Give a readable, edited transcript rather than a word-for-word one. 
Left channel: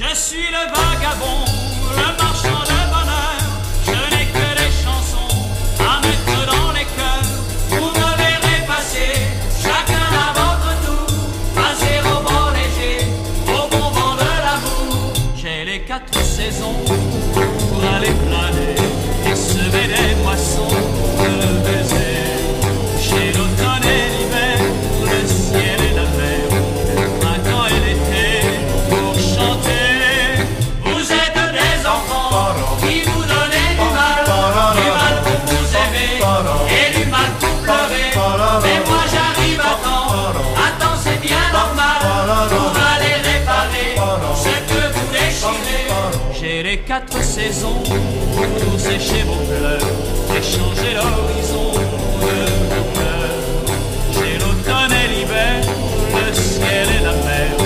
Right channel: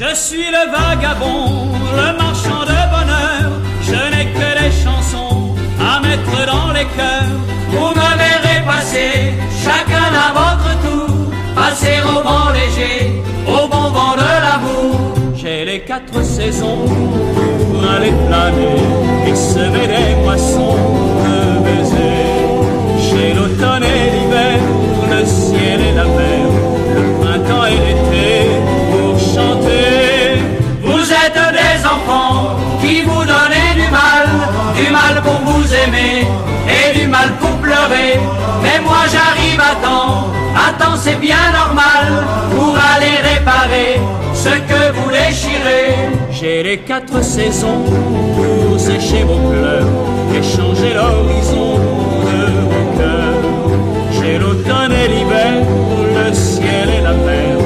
Je suis le vagabond, le marchand de bonheur. Je n'ai que des chansons à mettre dans les cœurs. Vous me verrez passer, chacun à votre tour, passer au vent léger, au bon vent de l'amour. J'ai les 4 saisons pour aller planer et semer des moissons de baisers. J'ai l'automne et l'hiver, le ciel et la mer, le printemps et l'été pour chanter. Vous êtes des enfants qui vous donnez du mal pour vous aimer et du mal pour pleurer. Mais moi j'arrive à temps c'est bien normal pour aller réparer ce que vous déchirez. J'ai les 4 saisons pour sécher vos pleurs et changer l'horizon de mon cœur. J'ai l'automne et l'hiver, le ciel et la mer,